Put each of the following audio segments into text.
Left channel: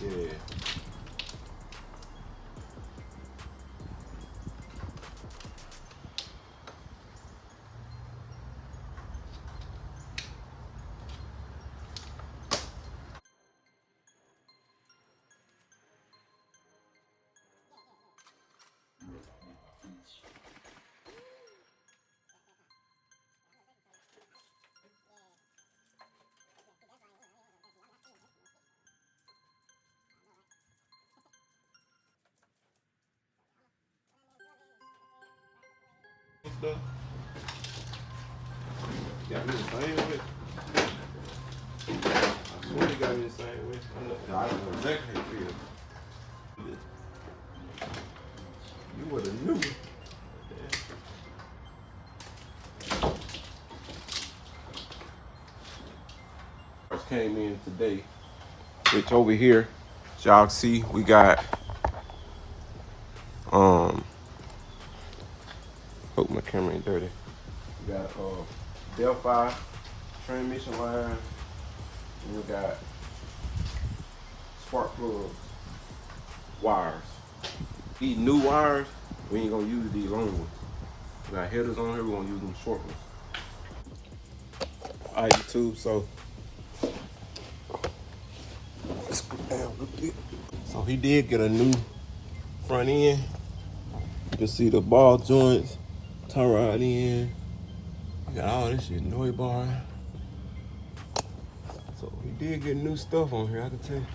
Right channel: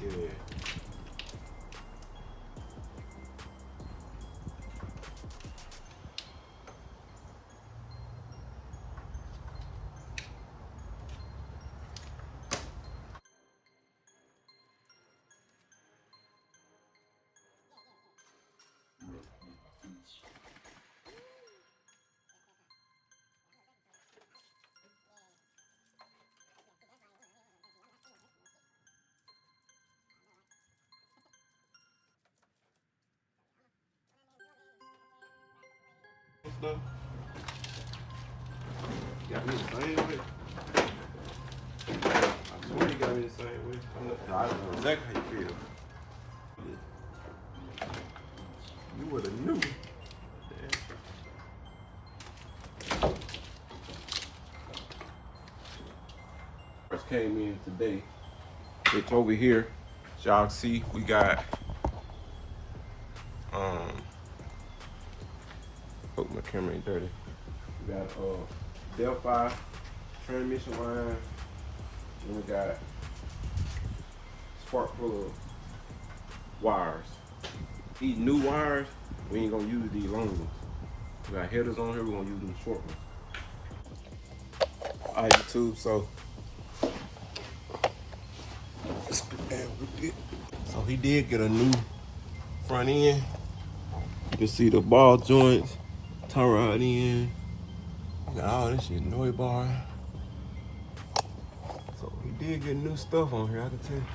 Yeah. Stuff. Got me the same way. I swear you got me the same way. I don't know exactly how you feel. You would have knew. First came in today, which over here, as y'all see, we got hope my camera ain't dirty. We got Delphi transmission line, and we got spark plug wires. These new wires, we ain't gonna use these long ones. We got headers on here, we're gonna use them short ones. Alright, YouTube, so let's go down a little bit. So he did get a new front end. You can see the ball joints, tie rod in. You got all this shit, noise bar. So he did get new stuff on here, I can tell you.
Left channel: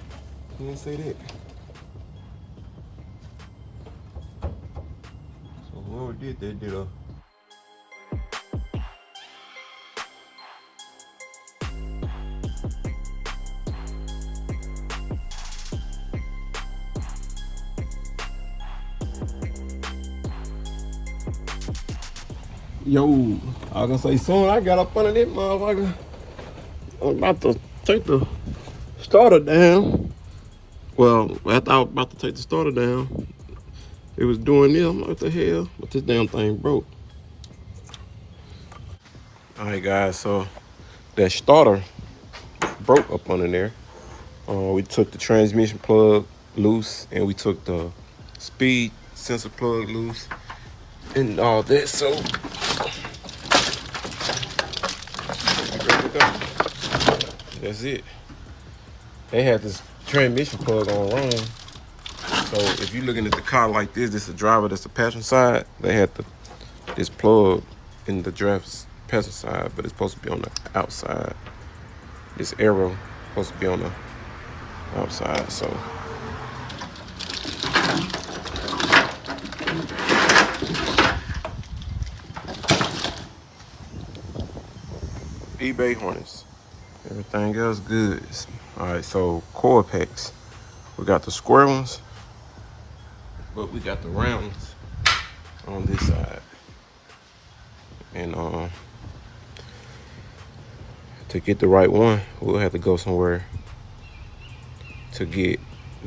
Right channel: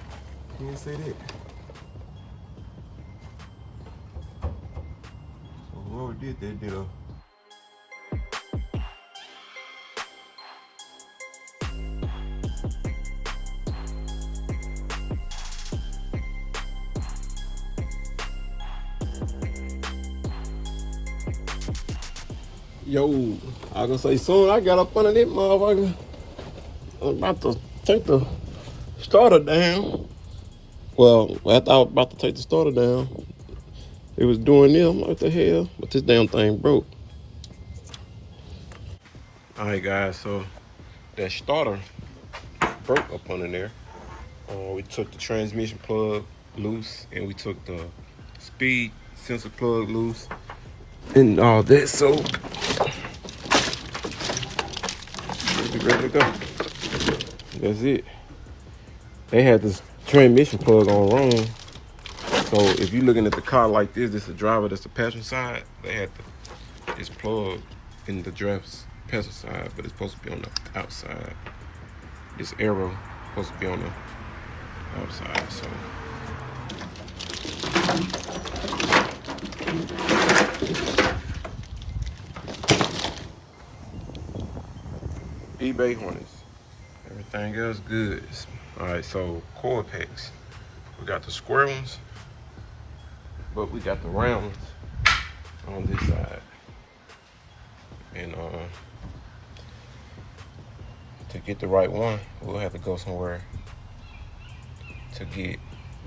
He didn't say that. So whoever did that did a Yo, I was gonna say soon I got up under this motherfucker. I'm about to take the starter down. Well, after I was about to take the starter down, it was doing this. I'm like, what the hell? But this damn thing broke. All right, guys, so that starter broke up under there. We took the transmission plug loose and we took the speed sensor plug loose and all that. So there we go. That's it. They had this transmission plug on wrong. So if you're looking at the car like this is the driver, that's the passenger side. They had this plug in the driver's passenger side, but it's supposed to be on the outside. This arrow supposed to be on the outside, so. eBay Hornets. Everything else good. All right, so coil packs. We got the square ones, but we got the round ones on this side. And to get the right one, we'll have to go somewhere to get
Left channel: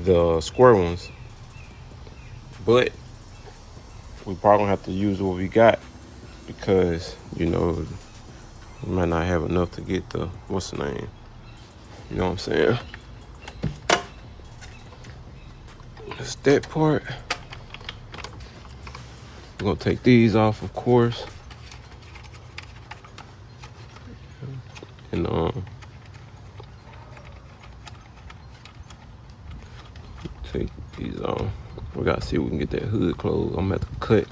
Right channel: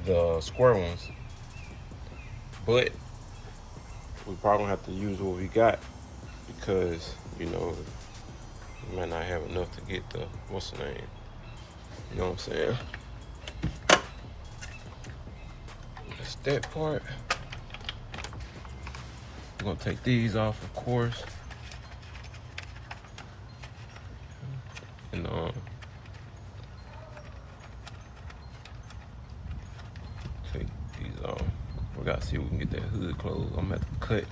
the square ones. But we probably gonna have to use what we got because, you know, we might not have enough to get the, what's the name? You know what I'm saying? That's that part. We're gonna take these off, of course. And take these off. We gotta see if we can get that hood closed. I'm gonna have to cut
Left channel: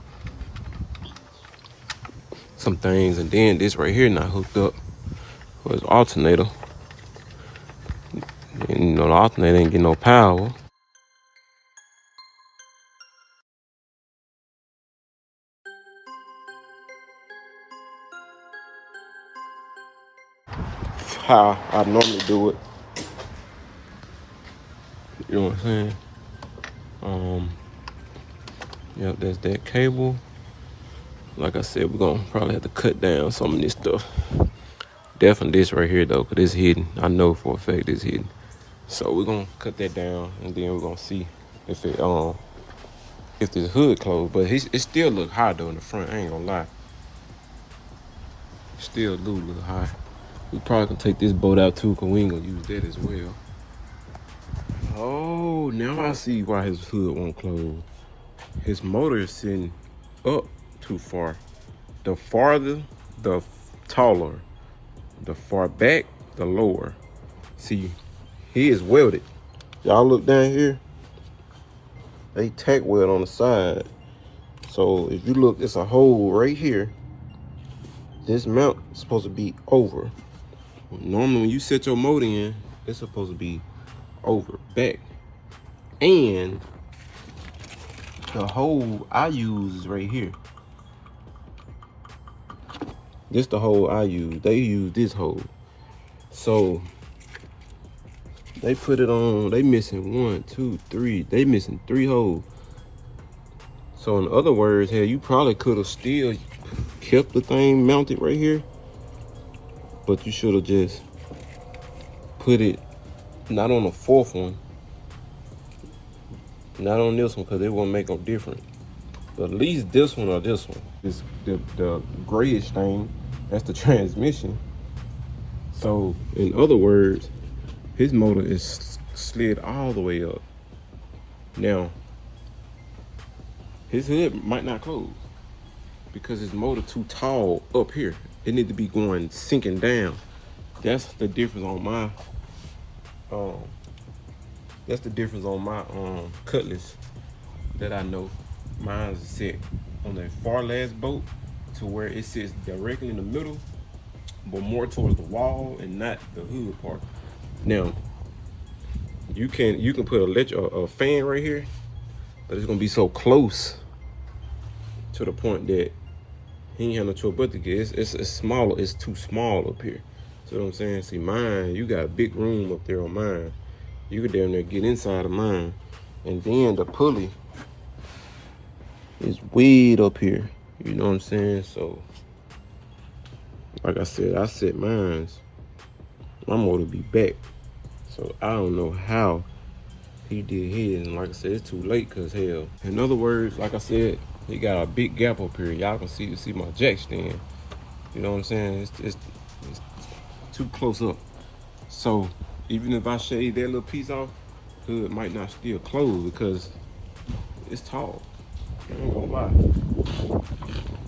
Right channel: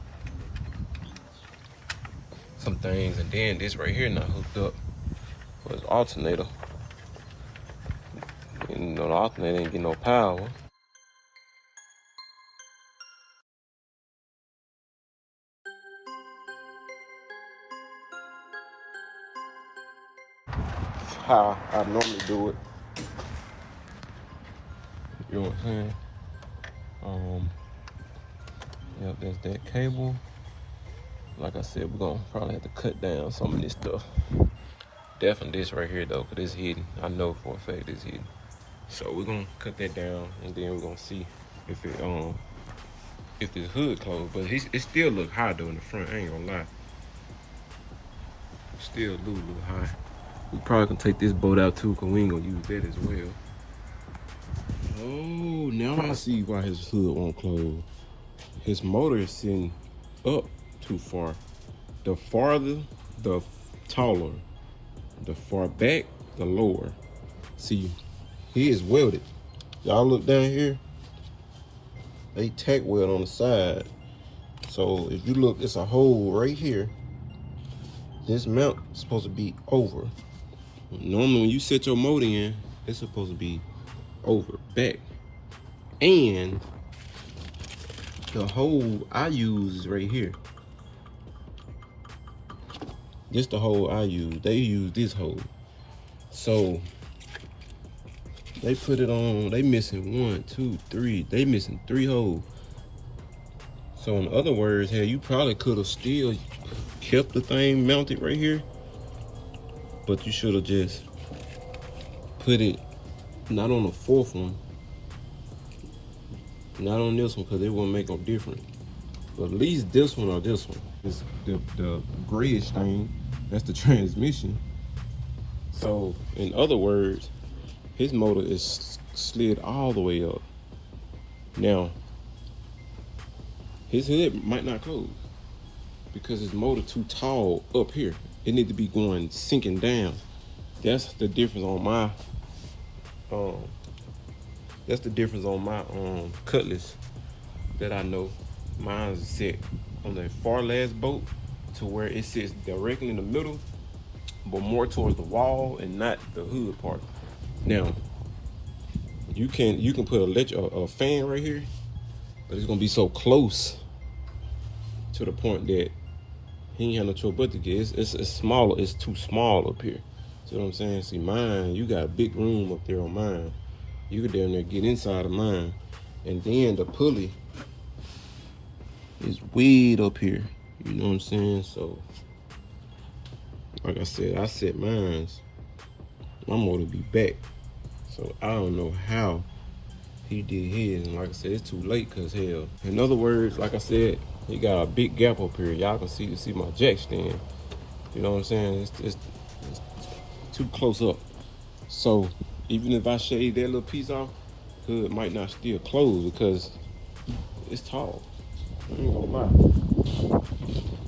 some things, and then this right here not hooked up for his alternator. And you know the alternator ain't getting no power. How I normally do it. You know what I'm saying? Yep, that's that cable. Like I said, we're gonna probably have to cut down some of this stuff. Definitely this right here though, because it's hidden. I know for a fact it's hidden. So we're gonna cut that down and then we're gonna see if this hood closed. But it still look high though in the front, I ain't gonna lie. Still do look high. We probably gonna take this boat out too, because we ain't gonna use that as well. Oh, now I see why his hood won't close. His motor is sitting up too far. The farther, the taller. The far back, the lower. See, he is welded. Y'all look down here. They tack weld on the side. So if you look, it's a hole right here. This mount is supposed to be over. Normally when you set your motor in, it's supposed to be over, back. And the hole I use is right here. This the hole I use. They use this hole. So they put it on, they missing 1, 2, 3. They missing 3 holes. So in other words, hey, you probably could have still kept the thing mounted right here, but you should have just put it not on the 4th one, not on this one, because it won't make no difference. But at least this one or this one is the grayish thing. That's the transmission. So in other words, his motor is slid all the way up. Now, his hood might not close because his motor too tall up here. It need to be going sinking down. That's the difference on my Cutlass that I know. Mine is set on the far last boat to where it sits directly in the middle, but more towards the wall and not the hood part. Now, you can put a fan right here, but it's gonna be so close to the point that he ain't have no choice but to get it. It's smaller. It's too small up here. See what I'm saying? See, mine, you got a big room up there on mine. You could down there get inside of mine, and then the pulley is way up here. You know what I'm saying? So Like I said, I set mines. My motor be back. So I don't know how he did his. And like I said, it's too late because hell. In other words, like I said, he got a big gap up here. Y'all can see my jack stand. You know what I'm saying? It's too close up. So even if I shade that little piece off, hood might not still close because it's tall. I ain't gonna lie.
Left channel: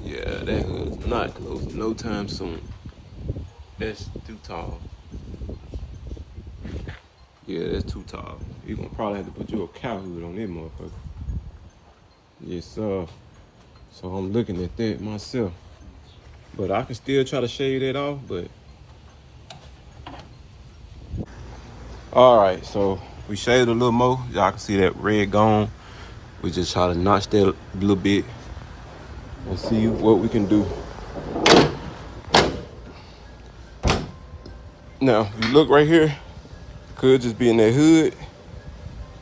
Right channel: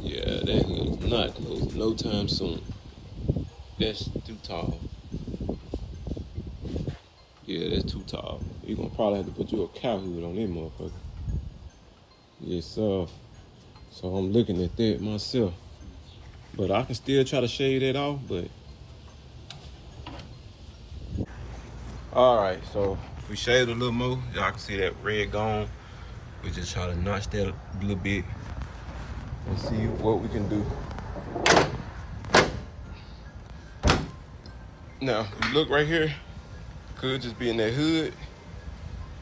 Yeah, that hood's not closing no time soon. That's too tall. Yeah, that's too tall. You're gonna probably have to put you a cow hood on that motherfucker. Yes, sir. So I'm looking at that myself. But I can still try to shade that off, but. All right, so we shaded a little more. Y'all can see that red gone. We just try to notch that a little bit and see what we can do. Now, you look right here, could just be in that hood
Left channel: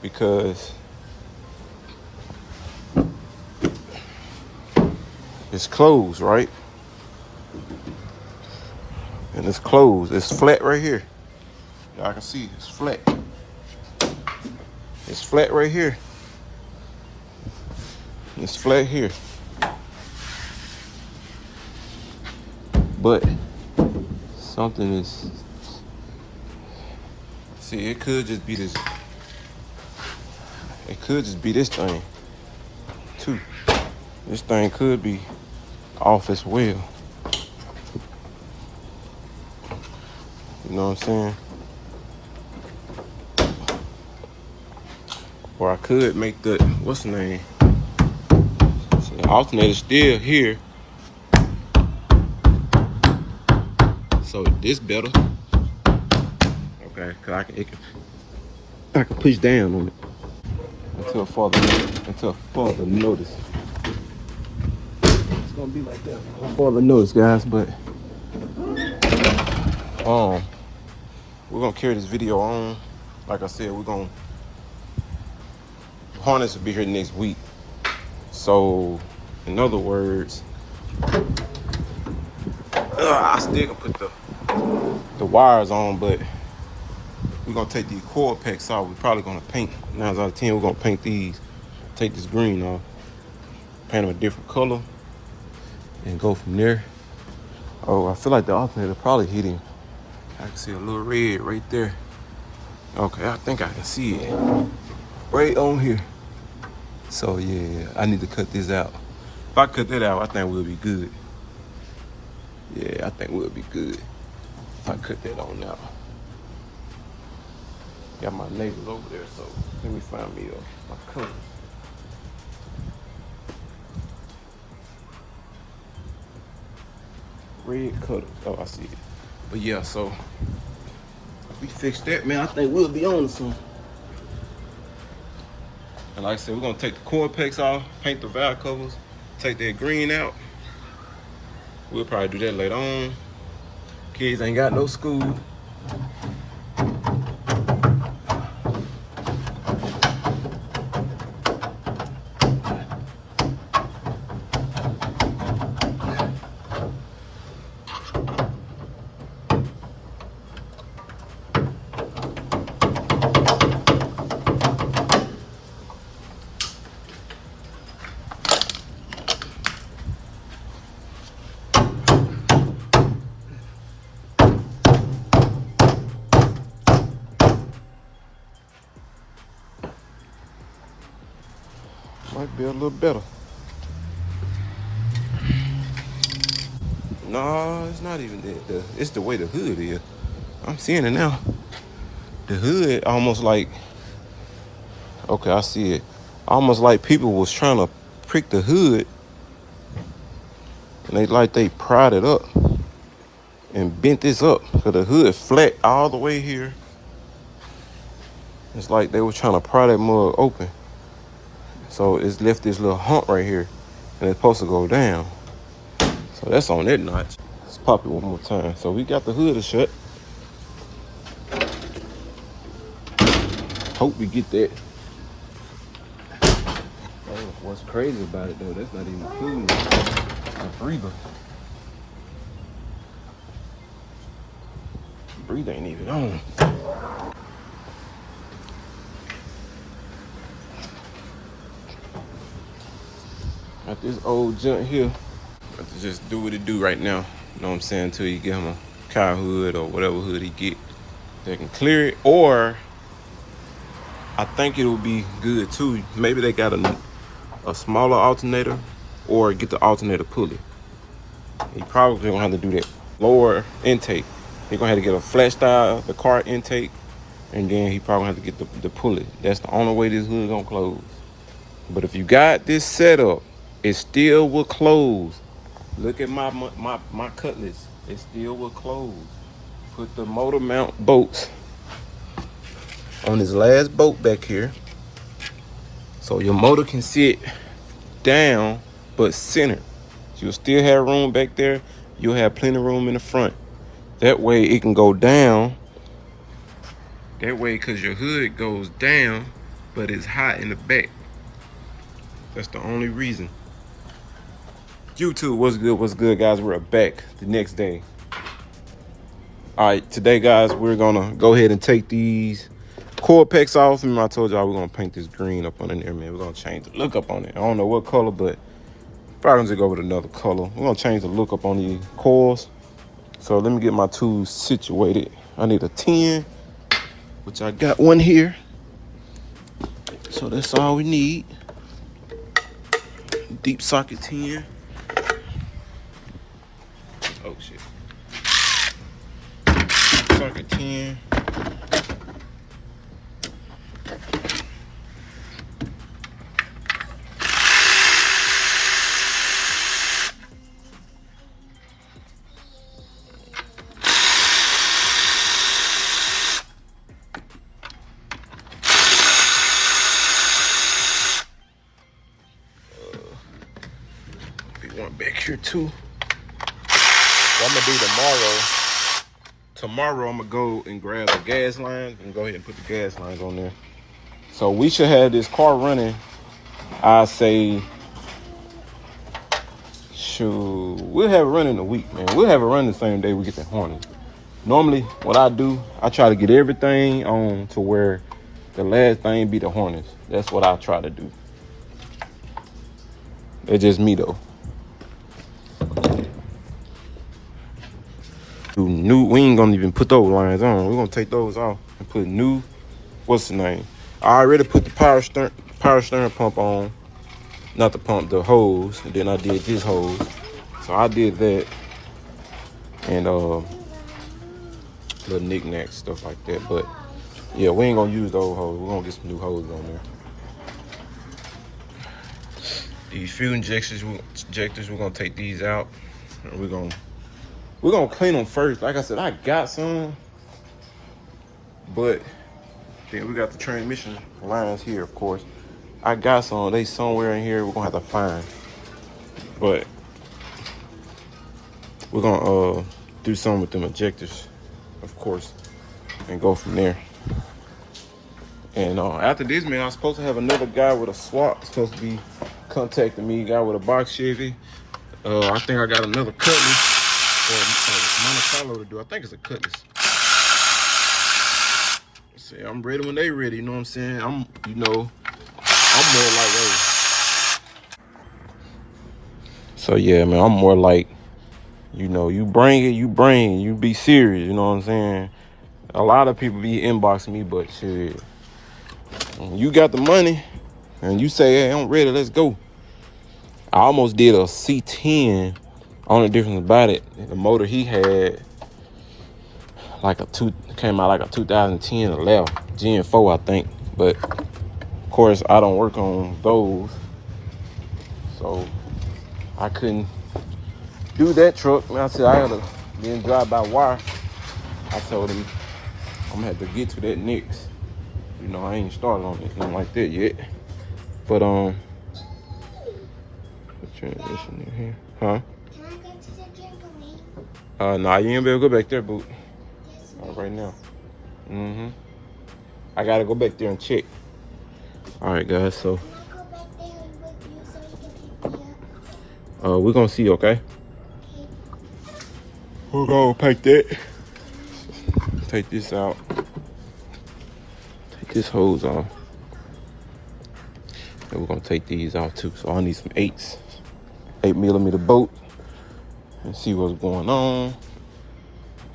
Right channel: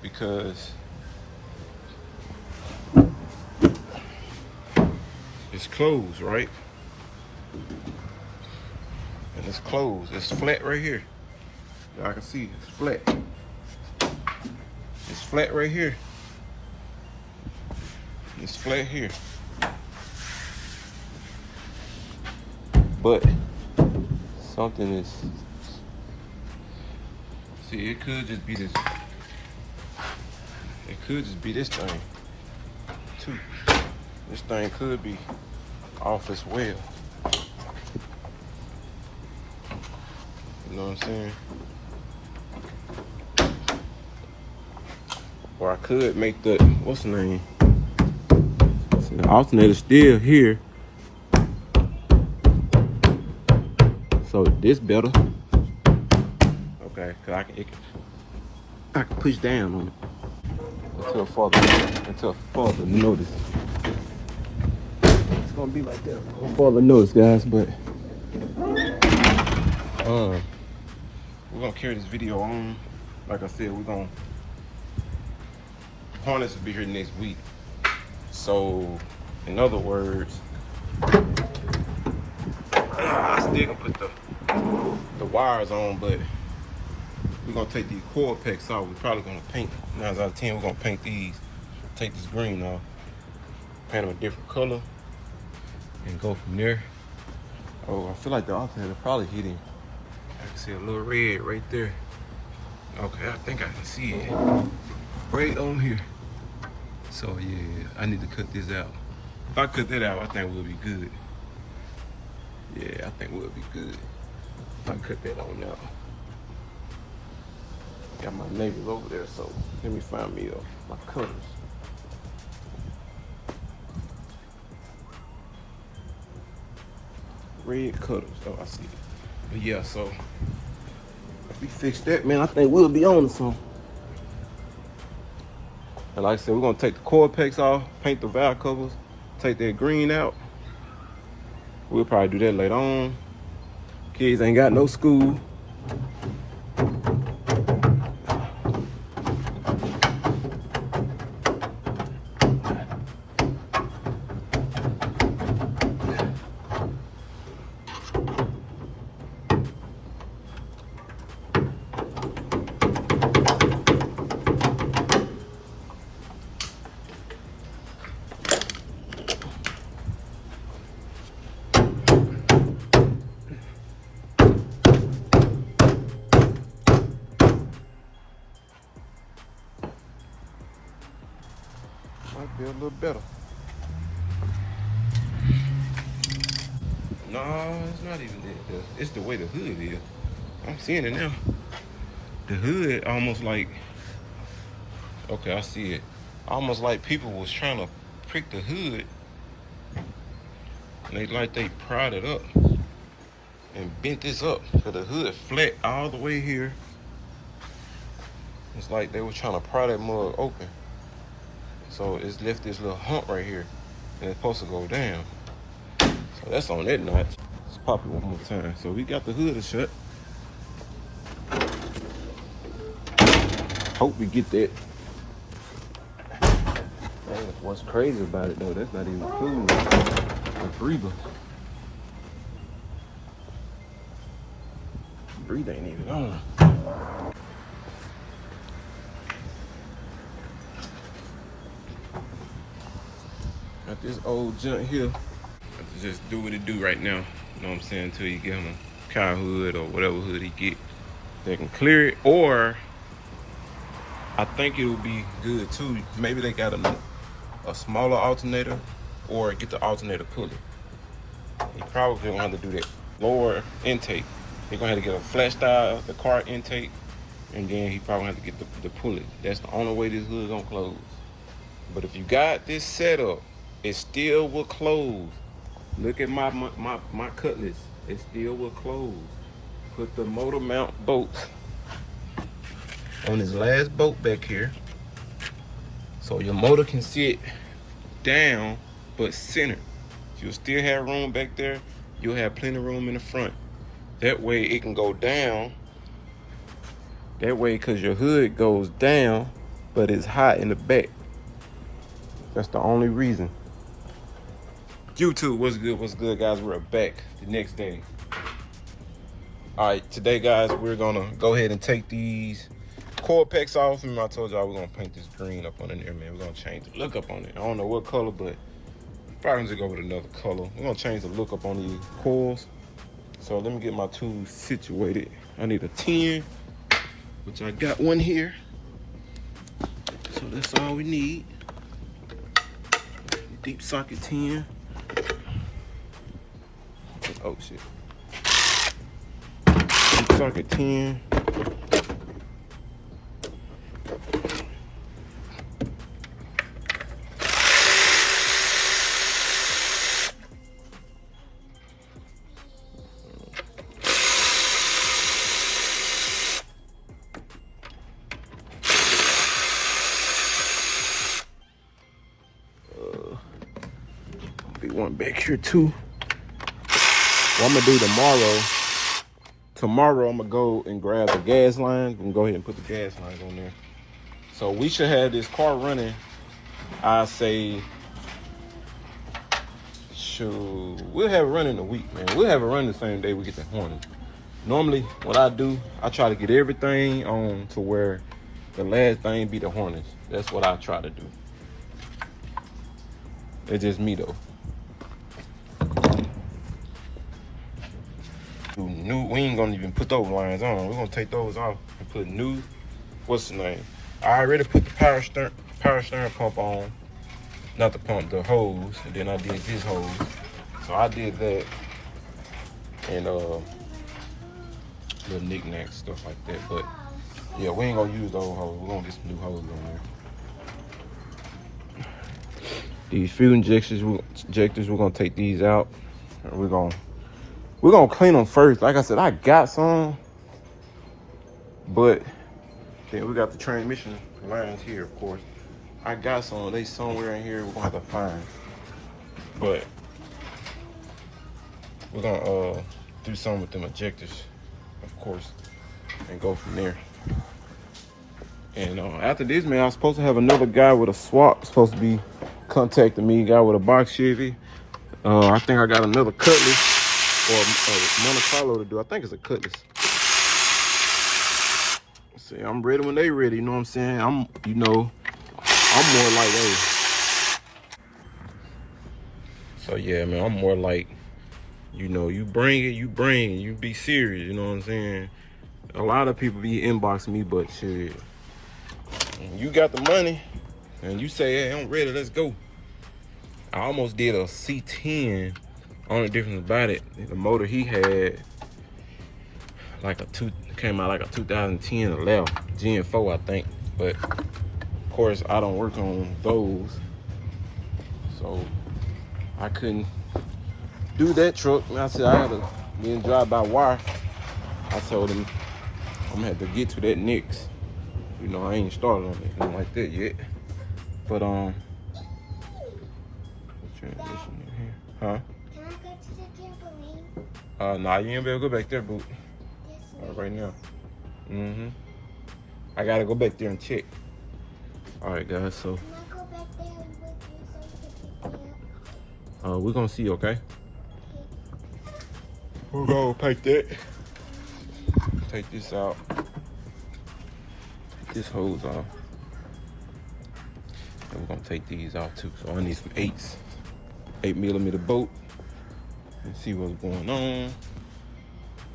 because it's closed, right? And it's closed. It's flat right here. Y'all can see it's flat. It's flat right here. It's flat here. But something is, see, it could just be this. It could just be this thing too. This thing could be off as well. You know what I'm saying? Or I could make the, what's the name? See, the alternator still here. So this better. Okay, cause I can push down on it until further notice. It's gonna be like that for further notice, guys. But we're gonna carry this video on. Like I said, we're gonna harness will be here next week. So, in other words, I still gonna put the wires on, but we're gonna take these coil packs off. We're probably gonna paint 9 out of 10. We're gonna paint these, take this green off, paint them a different color, and go from there. Oh, I feel like the alternator probably hit him. I can see a little red right there. Okay, I think I can see it right on here. So yeah, I need to cut this out. If I cut that out, I think we'll be good. Yeah, I think we'll be good if I cut that on out. Got my neighbors over there, so let me find me my cutters. Red cutters. Oh, I see it. But yeah, so if we fix that, man, I think we'll be on to something. And like I said, we're gonna take the coil packs off, paint the valve covers, take that green out. We'll probably do that later on. Kids ain't got no school. Might be a little better. No, it's not even that. It's the way the hood is. I'm seeing it now. The hood almost like, okay, I see it. Almost like people was trying to prick the hood. And they pried it up and bent this up. So the hood flat all the way here. It's like they were trying to pry that mug open. So it's left this little hump right here. And it's supposed to go down. So that's on that notch. Let's pop it one more time. So we got the hood shut. Hope we get that. What's crazy about it though, that's not even cool. The breather. screw ain't even on. Like this old junk here. Have to just do what it do right now. You know what I'm saying? Until you get him a cow hood or whatever hood he get. They can clear it, or I think it'll be good too. Maybe they got a smaller alternator, or get the alternator pulley. He probably gonna have to do that. Lower intake. He gonna have to get a flat style, the car intake, and then he probably have to get the pulley. That's the only way this hood gonna close. But if you got this setup, it still will close. Look at my Cutlass. It still will close. Put the motor mount bolts on this last bolt back here, so your motor can sit down but centered. You'll still have room back there. You'll have plenty of room in the front. That way it can go down. That way, because your hood goes down, but it's hot in the back. That's the only reason. YouTube, what's good, guys? We're back the next day. All right, today, guys, we're gonna go ahead and take these coil packs off. Remember, I told y'all we're gonna paint this green up on in there, man. We're gonna change the look up on it. I don't know what color, but probably gonna just go with another color. We're gonna change the look up on these coils. So let me get my tools situated. I need a 10, which I got one here. So that's all we need. Deep socket 10. Oh shit. Deep socket 10. One back here too. What I'm gonna do tomorrow, I'm gonna go and grab the gas lines and go ahead and put the gas lines on there. So we should have this car running, I say, shoot, we'll have it running a week, man. We'll have it running the same day we get the Hornets. Normally, what I do, I try to get everything on to where the last thing be the Hornets. That's what I try to do. It's just me though. We ain't gonna even put those lines on. We're gonna take those off and put new, what's the name? I already put the power steering pump on. Not the pump, the hose. And then I did this hose. So I did that. And little knickknacks, stuff like that. But yeah, we ain't gonna use those hoses. We're gonna get some new hoses on there. These fuel injectors, we're gonna take these out. And we're gonna clean them first. Like I said, I got some, but then we got the transmission lines here, of course. I got some, they somewhere in here we're gonna have to find. But we're gonna do something with them injectors, of course, and go from there. And after this, man, I was supposed to have another guy with a swap supposed to be contacting me, guy with a box Chevy. I think I got another Cutlass. Or Monte Carlo to do. I think it's a Cutlass. See, I'm ready when they ready. You know what I'm saying? I'm more like, so yeah, man, I'm more like, you bring it, you be serious. You know what I'm saying? A lot of people be inboxing me, but shit, when you got the money and you say, hey, I'm ready, let's go. I almost did a C10. Only difference about it, the motor he had, came out like a 2010 or 11, Gen 4, I think. But of course, I don't work on those, so I couldn't do that truck. And I said I had to then drive by wire. I told him I'm gonna have to get to that next. I ain't started on anything like that yet. But the transmission in here, huh? Nah, you ain't be able to go back there, boo. Right now. I gotta go back there and check. All right, guys, so we're gonna see, okay? We're gonna pack that. take this out. Take this hose off. And we're gonna take these out too. So I need some 8mm bolt and see what's going on.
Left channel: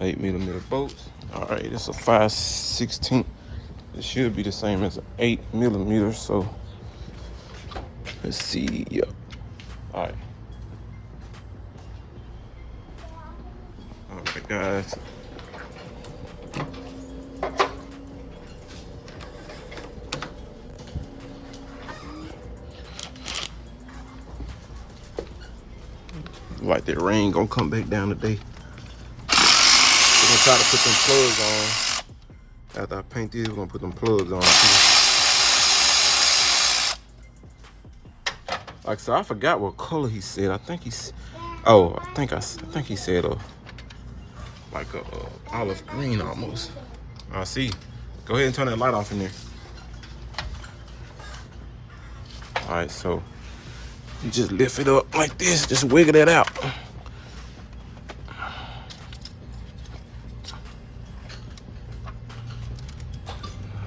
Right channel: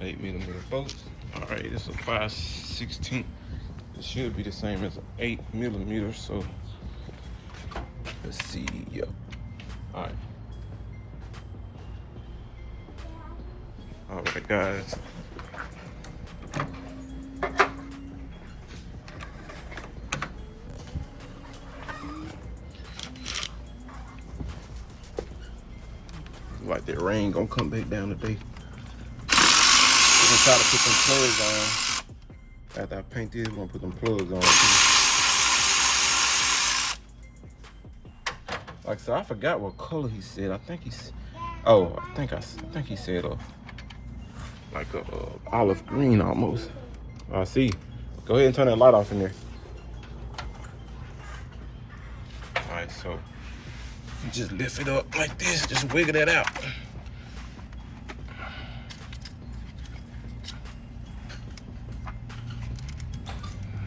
8mm bolts. All right, it's a 5/16. It should be the same as an 8mm. So let's see. Yep. All right. All right, guys. Like that rain gonna come back down today. I'm gonna try to put them plugs on. After I paint these, we're gonna put them plugs on too. Like I said, I forgot what color he said. I think he's, oh, I think he said like a olive green almost. I see. Go ahead and turn that light off in there. All right, so you just lift it up like this, just wiggle it out.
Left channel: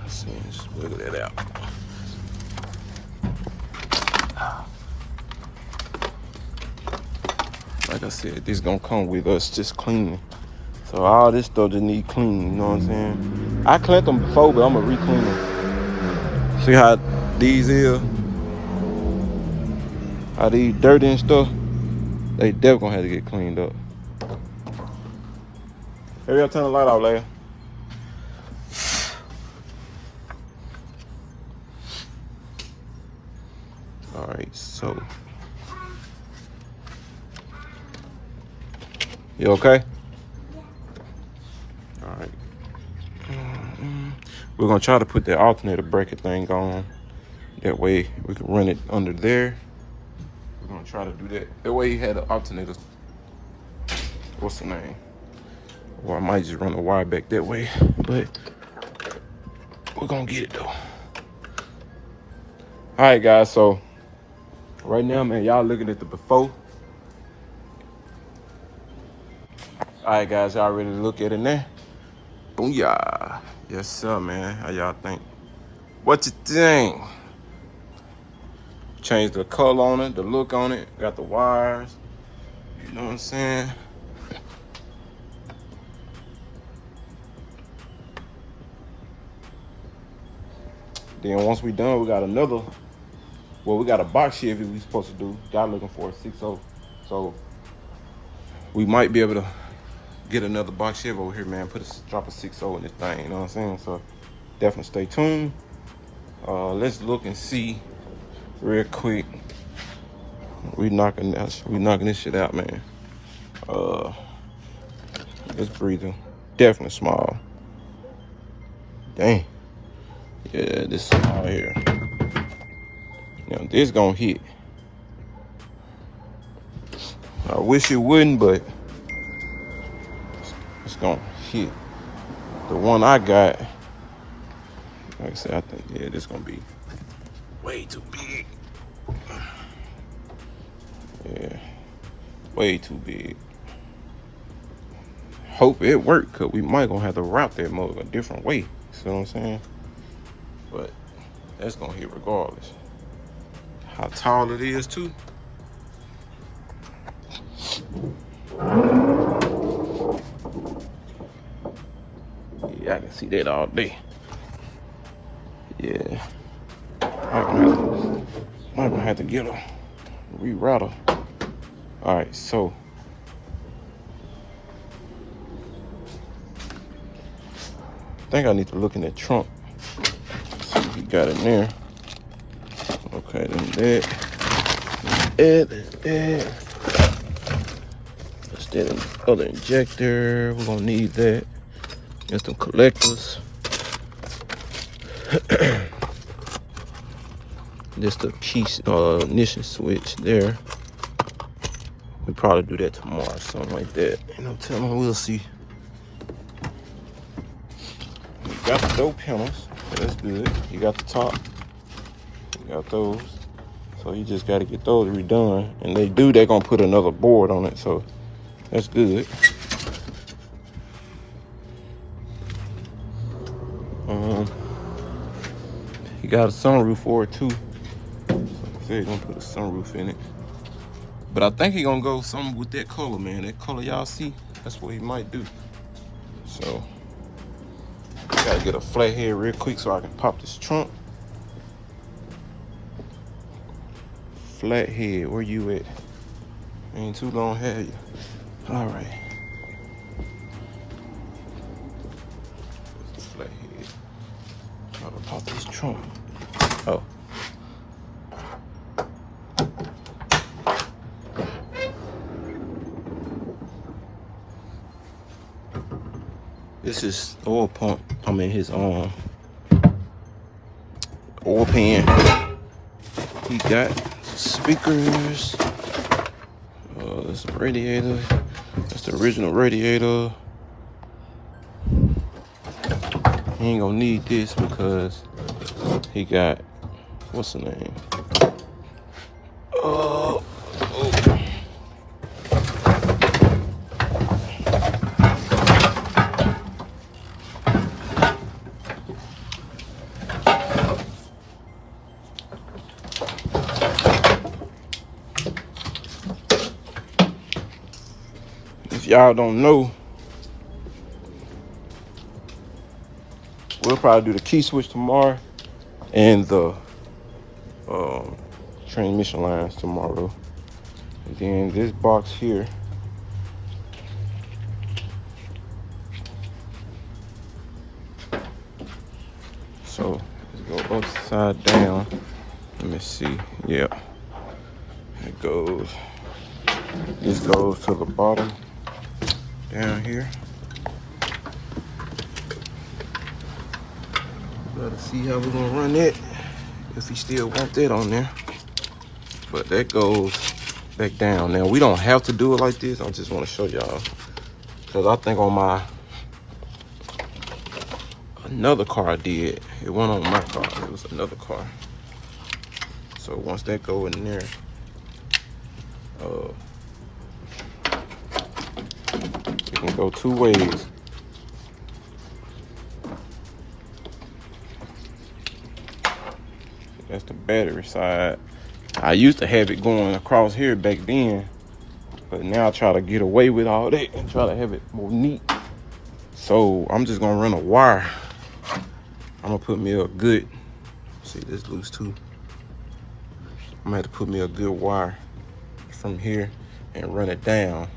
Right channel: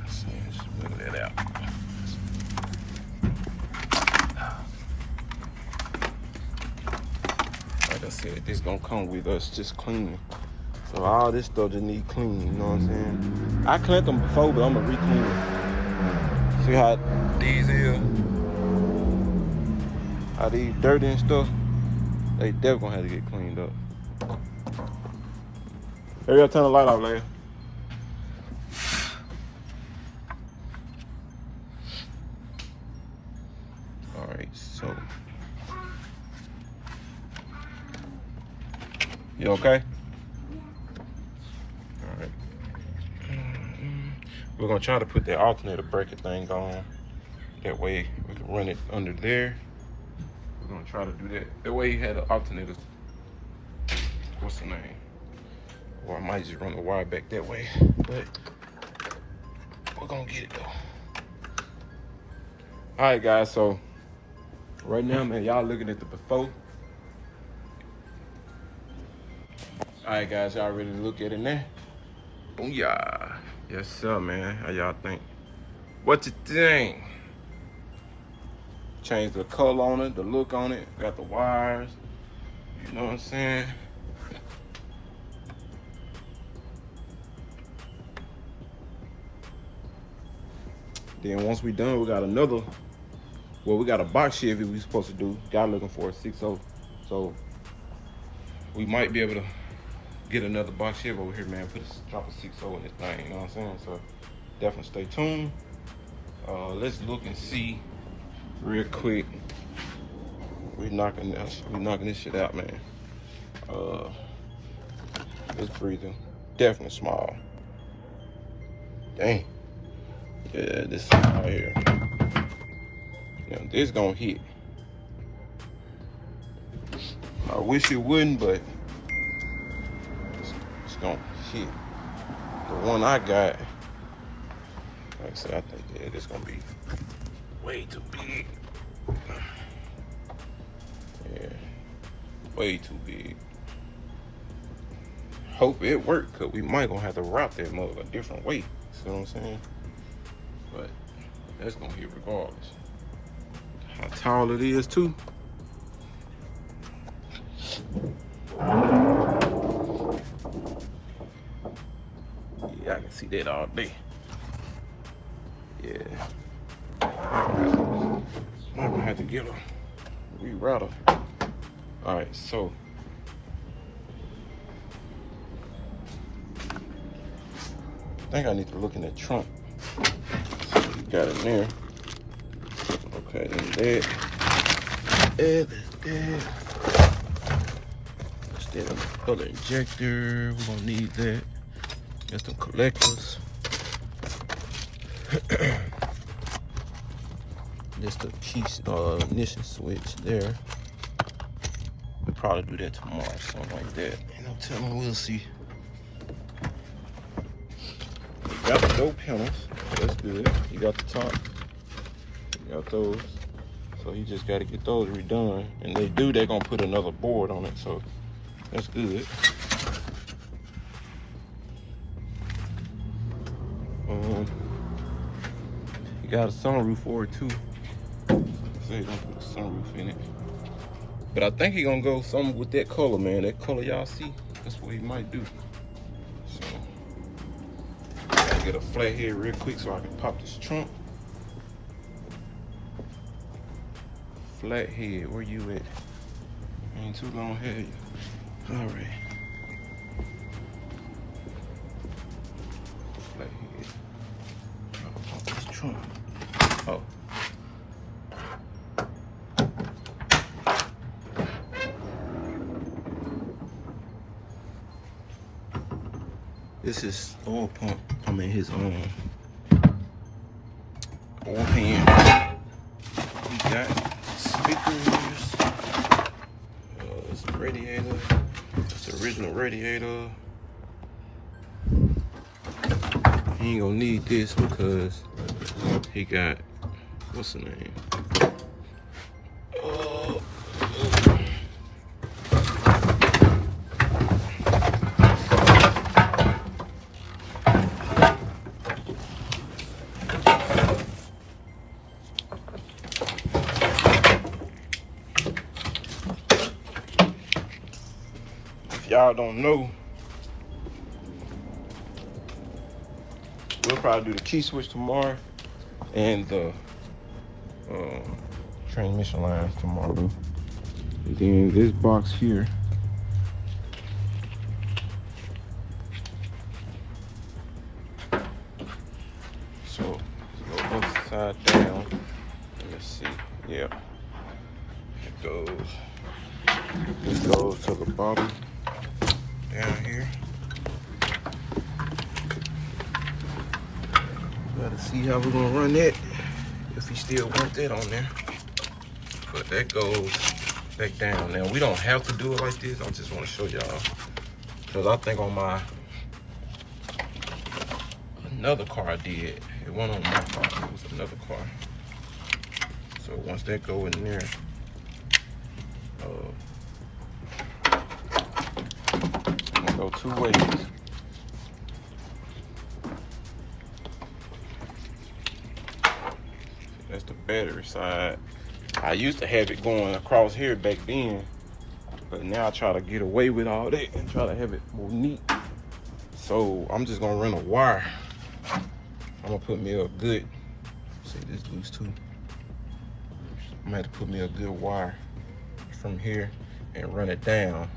So just wiggle it out. Like I said, this gonna come with us just cleaning. So all this stuff just need cleaning, you know what I'm saying? I cleaned them before, but I'm gonna re-clean them. See how these is? How these dirty and stuff? They definitely gonna have to get cleaned up. Hurry up, turn the light off, Leia. All right, so. You okay? All right. We're gonna try to put that alternator bracket thing on. That way we can run it under there. We're gonna try to do that. That way he had the alternators. What's the name? Well, I might just run the wire back that way, but we're gonna get it though. All right, guys, so right now, man, y'all looking at the before. All right, guys, y'all ready to look at it now? Booyah. Yes, sir, man. How y'all think? What you think? Changed the color on it, the look on it, got the wires. You know what I'm saying? Then once we done, we got another, well, we got a box Chevy we supposed to do. Guy looking for a 6.0. So we might be able to get another box Chevy over here, man. Drop a 6.0 in this thing, you know what I'm saying? So definitely stay tuned. Let's look and see real quick. We knocking this shit out, man. Let's breathe them. Definitely small. Dang. Yeah, this right here. Now this gonna hit. I wish it wouldn't, but it's gonna hit. The one I got, like I said, I think, yeah, this gonna be way too big. Yeah, way too big. Hope it worked, cause we might gonna have to route that mug a different way. See what I'm saying? But that's gonna hit regardless. How tall it is too. Yeah, I can see that all day. Yeah. I'm gonna have to get a rerouter. All right, so I think I need to look in the trunk. See what we got in there. Okay, then that. That's that other injector. We're gonna need that. There's some collectors. This the key ignition switch there. We'll probably do that tomorrow, something like that. Ain't no telling, we'll see. You got the door panels, that's good. You got the top, you got those. So you just gotta get those redone. And they're gonna put another board on it, so that's good. got a sunroof for it too. So he's gonna put a sunroof in it. But I think he's gonna go something with that color, man. That color y'all see, that's what he might do. So, gotta get a flat head real quick so I can pop this trunk. Flat head, where you at? Ain't too long, have you? All right. Flat head. I'm gonna pop this trunk. Oh. This is oil pump. I mean his oil pan. He got speakers. This radiator. That's the original radiator. He ain't gonna need this because he got, what's the name? If y'all don't know, we'll probably do the key switch tomorrow and the transmission lines tomorrow. And then this box here, so it's go upside down. Let me see. Yeah, it goes. This goes to the bottom down here. Gotta see how we're gonna run that, if we still want that on there. But that goes back down. Now we don't have to do it like this. I just want to show y'all, because I think on my another car I did, it wasn't on my car, it was another car. So once that go in there, it can go two ways. That's the battery side. I used to have it going across here back then, but now I try to get away with all that and try to have it more neat. So I'm just gonna run a wire. I'm gonna put me a good, see this loose too. I'm gonna have to put me a good wire from here and run it down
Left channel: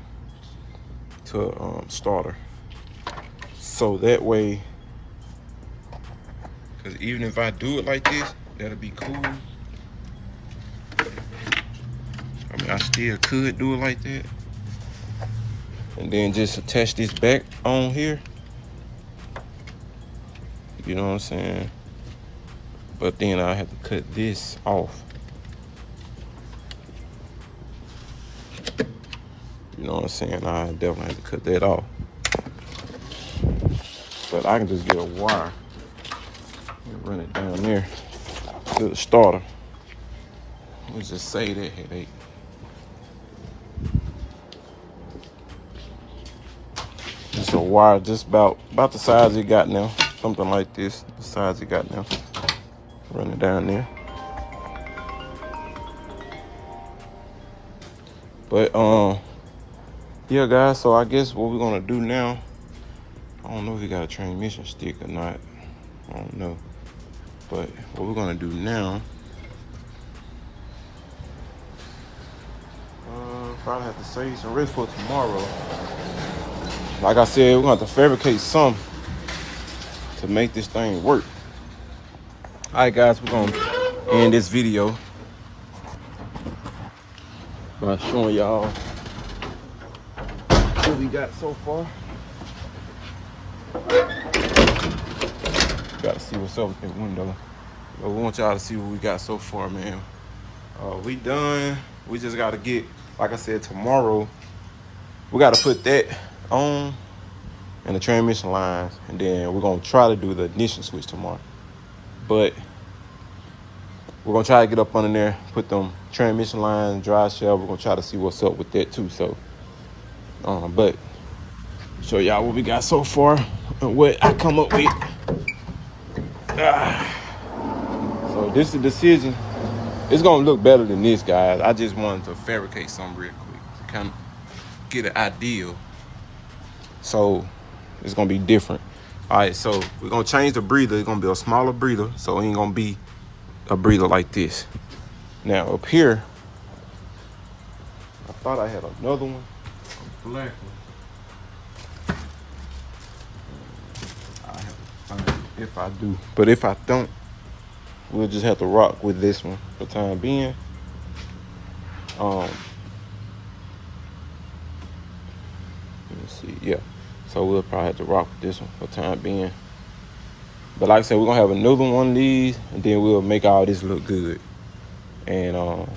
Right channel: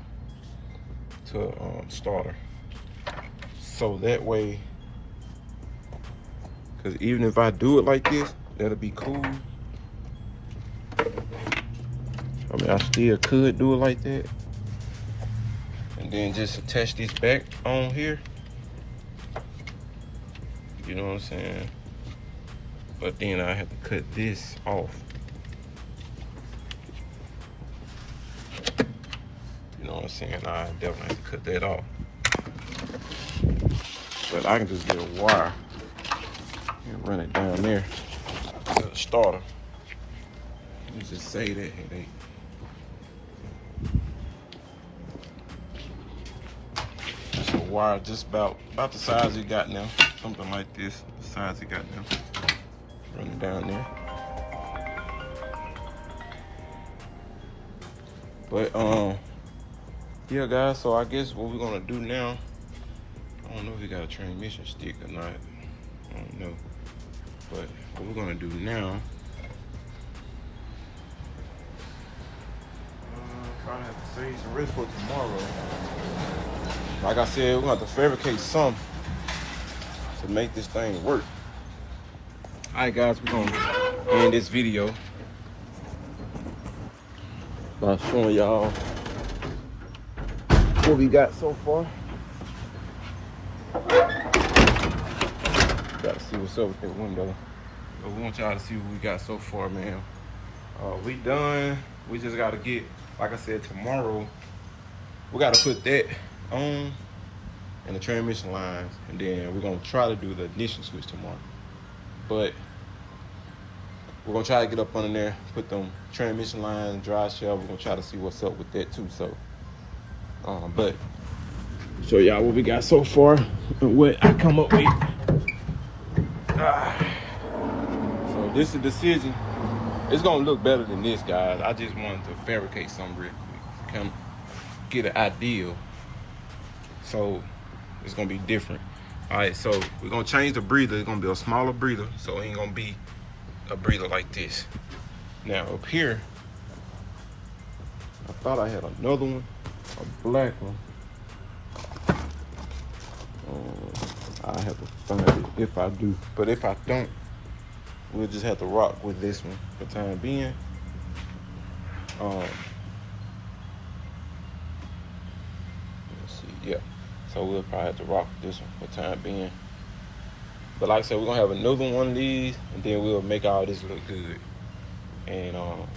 to starter. So that way, because even if I do it like this, that'll be cool. I mean, I still could do it like that. And then just attach this back on here. You know what I'm saying? But then I have to cut this off. You know what I'm saying? I definitely have to cut that off. But I can just get a wire and run it down there to the starter. Let's just save that headache. It's a wire just about the size it got now. Something like this, the size it got now. Run it down there. But yeah guys, so I guess what we're gonna do now, I don't know if we got a transmission stick or not. I don't know. But what we're gonna do now, probably have to save some race for tomorrow. Like I said, we're gonna have to fabricate some to make this thing work. All right, guys, we're gonna end this video by showing y'all what we got so far. Gotta see what's up with that window. But we want y'all to see what we got so far, man. We done. We just gotta get, like I said, tomorrow, we gotta put that on and the transmission lines, and then we're gonna try to do the ignition switch tomorrow. But we're gonna try to get up under there, put them transmission lines, drive shaft. We're gonna try to see what's up with that too. So, but show y'all what we got so far and what I come up with. So this is a decision. It's gonna look better than this, guys. I just wanted to fabricate something real quick to kind of get an idea. So it's gonna be different. All right, so we're gonna change the breather. It's gonna be a smaller breather, so it ain't gonna be a breather like this. Now up here, I thought I had another one, a black one. I have to find it if I do, but if I don't, we'll just have to rock with this one for the time being. Let me see, yeah. So we'll probably have to rock with this one for the time being. But like I said, we're gonna have another one of these, and then we'll make all this look good. And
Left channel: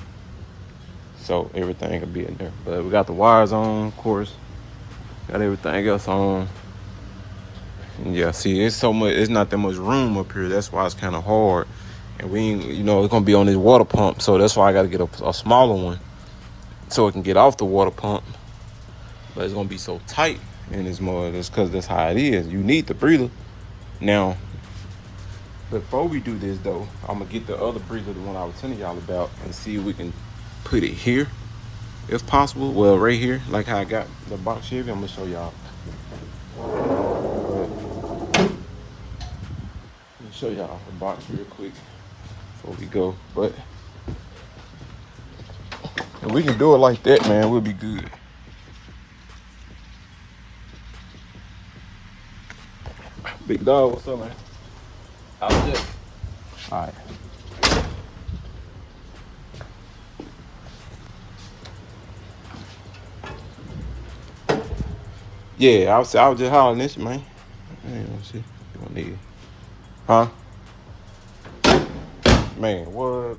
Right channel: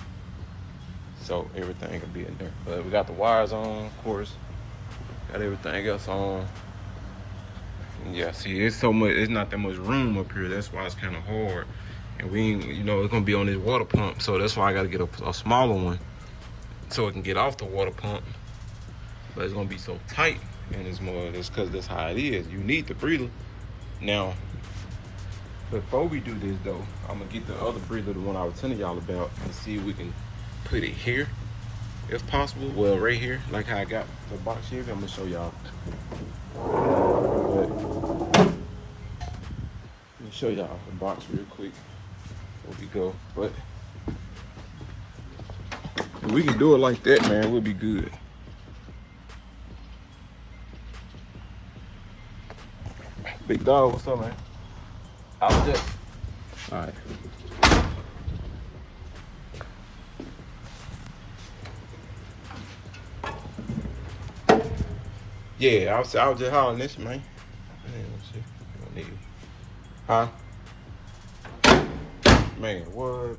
so everything will be in there. But we got the wires on, of course. Got everything else on. And yeah, see, it's so much. It's not that much room up here. That's why it's kind of hard. And we ain't, you know, it's gonna be on this water pump. So that's why I got to get a smaller one, so it can get off the water pump. But it's gonna be so tight in this mud. It's because that's how it is. You need the breather. Now, before we do this though, I'm gonna get the other breather, the one I was telling y'all about, and see if we can put it here, if possible. Well, right here, like how I got the box Chevy. I'm gonna show y'all. Let me show y'all the box real quick before we go. But if we can do it like that, man, we'll be good. Big dog, what's up, man? How was that? All right. Yeah, I was just hollering this, man. Let's see. You don't need it. Huh? Man, what?